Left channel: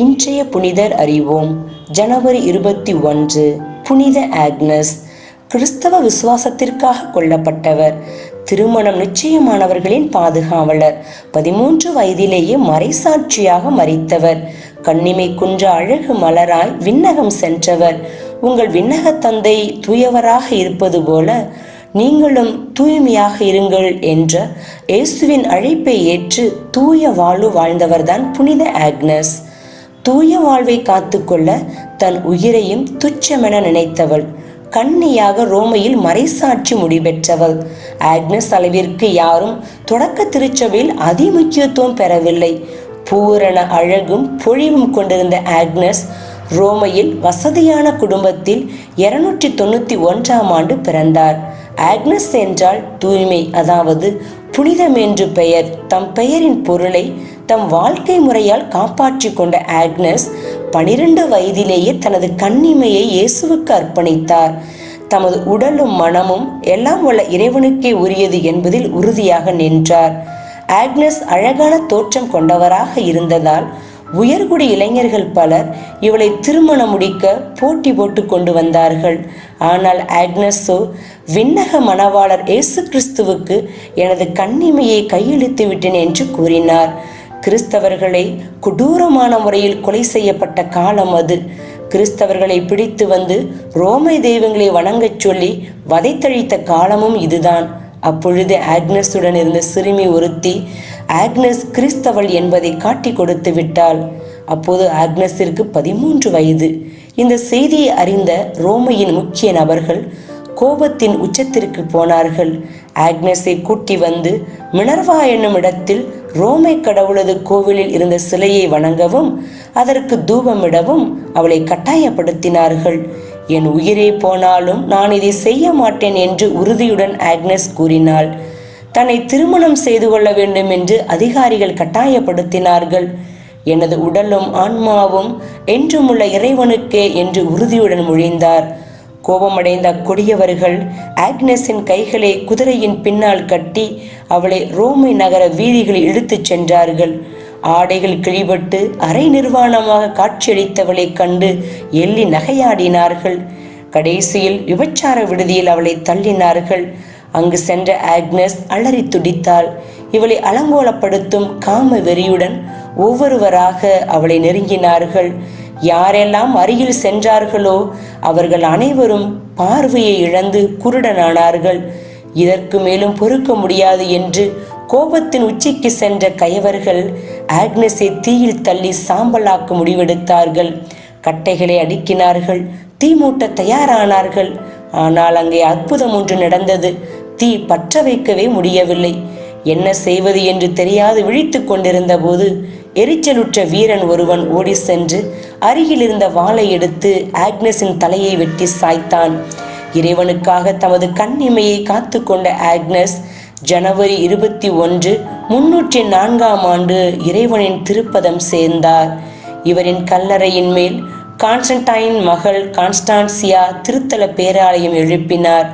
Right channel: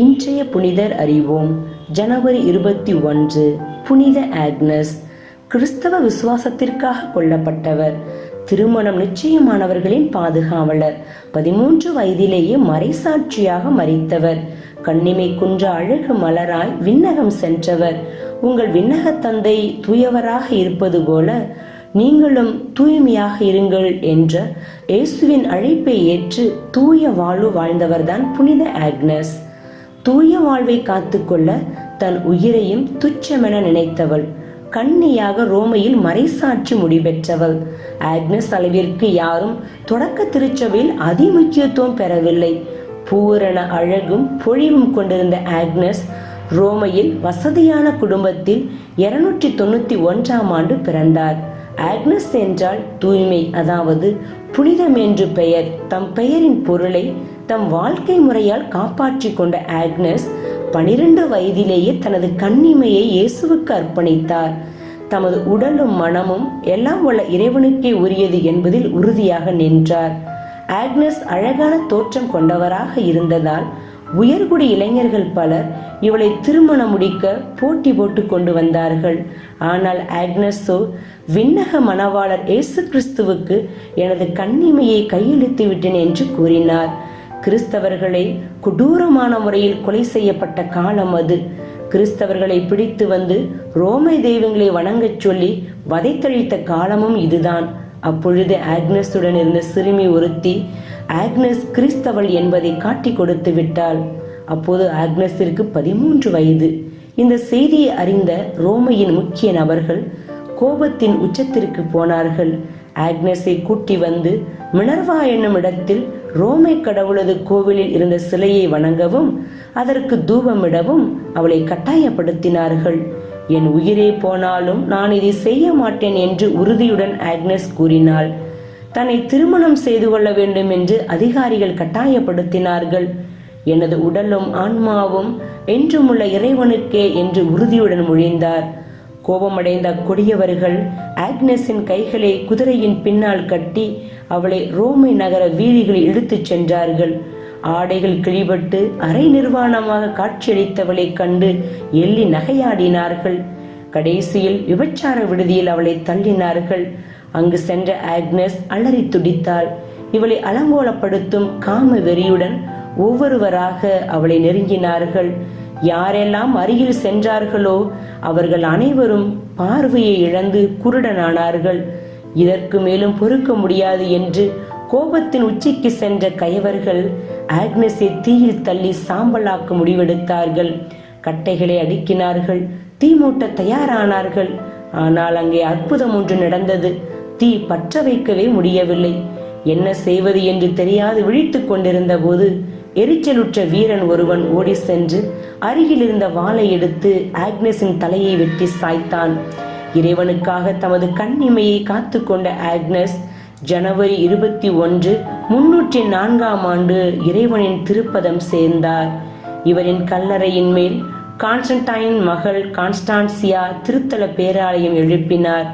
இன்றைய புனிதர் அறிவோம். ஜனவரி 21. புனித ஆக்னஸ். கிறிஸ்தவ விசுவாசத்திற்காக கொல்லப்பட்டவர். திருமணம் நிச்சயமானவர்களின் பாதுகாவலர். 13 வயதிலேயே மறைசாட்சியாக மரித்தவர். கண்ணிமை குன்ற அழகு மலராய் விண்ணகம் சென்றவர். உங்கள் விண்ணக தந்தை தூயவராக இருப்பது போல நீங்களும் தூய்மையாக இருங்கள் என்ற இயேசுவின் அழைப்பை ஏற்று தூய வாழ்வு வாழ்ந்தவர்தான் புனித ஆக்னஸ். தூய வாழ்வை காத்துக்கொள்ள தன் உயிரையும் துச்சமென நினைத்தவள். கன்னியாக ரோமையில் மறைசாட்சி முடிபெற்றவள். ஆக்னஸ் அளவிற்கு யாரும் தொடக்க திருச்சபையில் அதிமுக்கியத்துவம் பெறவில்லை. பூரண அழகும் பொழிவும் கொண்டிருந்த ஆக்னஸ் ரோமையில் வசதியான குடும்பத்தில் 291ஆம் ஆண்டு பிறந்தார். ஆக்னஸ் என்றால் தூய்மை, அதாவது புனிதம் என்று பெயர். தம் பெயரின் பொருளை தம் வாழ்க்கை முறையால் காப்பாற்றி கொண்ட ஆக்னஸ் 12 வயதிலேயே தனது கன்னிமையை இயேசுவுக்கு அர்ப்பணித்தார். தமது உடலும் மனமும் எல்லாம் உள்ள இறைவனுக்கே உரியது என்பதில் உறுதியாக நின்றார். ஆக்னஸ் அழகான தோற்றம் கொண்டவராக இருந்ததால் உயர்குடி இளைஞர்கள் பலர் இவளை திருமணம் முடிக்க போட்டி போட்டு கொண்டு வந்தார்கள். ஆனால் ஆக்னஸோ விண்ணக மணவாளர் இயேசு கிறிஸ்துவுக்கு எனது கன்னிமையை கையளித்து விட்டேன் என்று கூறினார். கிறிஸ்தவர்களை கொடூரமான முறையில் கொலை செய்யப்பட்ட காலம் அது. கிறிஸ்தவர்களை பிடித்து வந்து ரோமை தெய்வங்களை வணங்கச் சொல்லி வதைத்தழித்த காலமும் இதுதான். அப்பொழுது ஆக்னஸுடன் இருந்த சிறுமி ஒருத்தி ஆக்னஸ் கிறிஸ்தவள் என்பதை காட்டி கொடுத்து விட்டாள். அப்போது ஆக்னஸிற்கு 13 வயது. இந்த செய்தியை அறிந்த ரோமையின் முக்கிய நபர்கள் கோபத்தின் உச்சத்திற்கு போனார்கள். ஆக்னஸை கூட்டி வந்து மினர்வா என்னும் இடத்தில் ரோமை கடவுளது கோவிலில் இருந்த சிலையை வணங்கவும் அதற்கு தூபமிடவும் அவளை கட்டாயப்படுத்தினார்கள். என் உயிரே போனாலும் நான் இதை செய்ய மாட்டேன் என்று உறுதியுடன் ஆக்னஸ் கூறினாள். தன்னை திருமணம் செய்து கொள்ள வேண்டும் என்று அதிகாரிகள் கட்டாயப்படுத்தினார்கள். எனது உடலும் ஆன்மாவும் என்றுமுள்ள இறைவனுக்கே என்று உறுதியுடன் மொழிந்தார். கோபமடைந்த கொடியவர்கள் ஆக்னஸின் கைகளை குதிரையின் பின்னால் கட்டி அவளை ரோமை நகர வீதிகளில் இழுத்துச் சென்றார்கள். ஆடைகள் கிழிபட்டு அரை நிர்வாணமாக காட்சியளித்தவளை கண்டு எள்ளி நகையாடினார்கள். கடைசியில் விபச்சார விடுதியில் அவளை தள்ளினார்கள். அங்கு சென்ற ஆக்னஸ் அலறி துடித்தாள். இவளை அலங்கோலப்படுத்தும் காம வெறியுடன் ஒவ்வொருவராக அவளை நெருங்கினார்கள். யாரெல்லாம் அருகில் சென்றார்களோ அவர்கள் அனைவரும் பார்வையை இழந்து குருடனானார்கள். இதற்கு மேலும் பொறுக்க முடியாது என்று கோபத்தின் உச்சிக்கு சென்ற கயவர்கள் ஆக்னஸை தீயில் தள்ளி சாம்பலாக்க முடிவெடுத்தார்கள். கட்டைகளை அடுக்கினார்கள். தீ மூட்ட தயாரானார்கள். ஆனால் அங்கே அற்புதம் ஒன்று நடந்தது. தீ பற்ற வைக்கவே முடியவில்லை. என்ன செய்வது என்று தெரியாது விழித்துக் கொண்டிருந்த போது எரிச்சலுற்ற வீரன் ஒருவன் ஓடி சென்று அருகில் இருந்த வாளை எடுத்து ஆக்னஸின் தலையை வெட்டி சாய்த்தான். இறைவனுக்காக தமது கன்னிமையை காத்து கொண்ட ஆக்னஸ் ஜனவரி 21, 304ஆம் ஆண்டு இறைவனின் திருப்பதம் சேர்ந்தார். இவரின் கல்லறையின் மேல் கான்ஸ்டன்டைன் மகள் கான்ஸ்டான்சியா திருத்தல பேராலயம் எழுப்பினார்.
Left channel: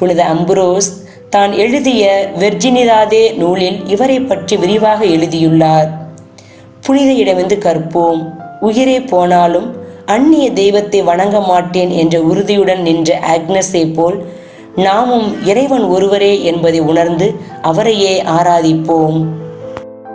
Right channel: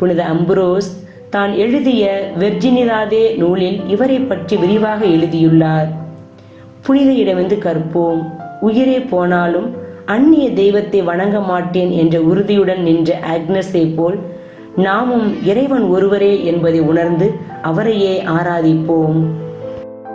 புனித அம்புரோஸ் தான் எழுதிய வெர்ஜினிதாதே நூலில் இவரை பற்றி விரிவாக எழுதியுள்ளார். புனித இடமிருந்து கற்போம். உயிரே போனாலும் அந்நிய தெய்வத்தை வணங்க மாட்டேன் என்ற உறுதியுடன் நின்ற ஆக்னஸை போல் நாமும் இறைவன் ஒருவரே என்பதை உணர்ந்து அவரையே ஆராதிப்போம்.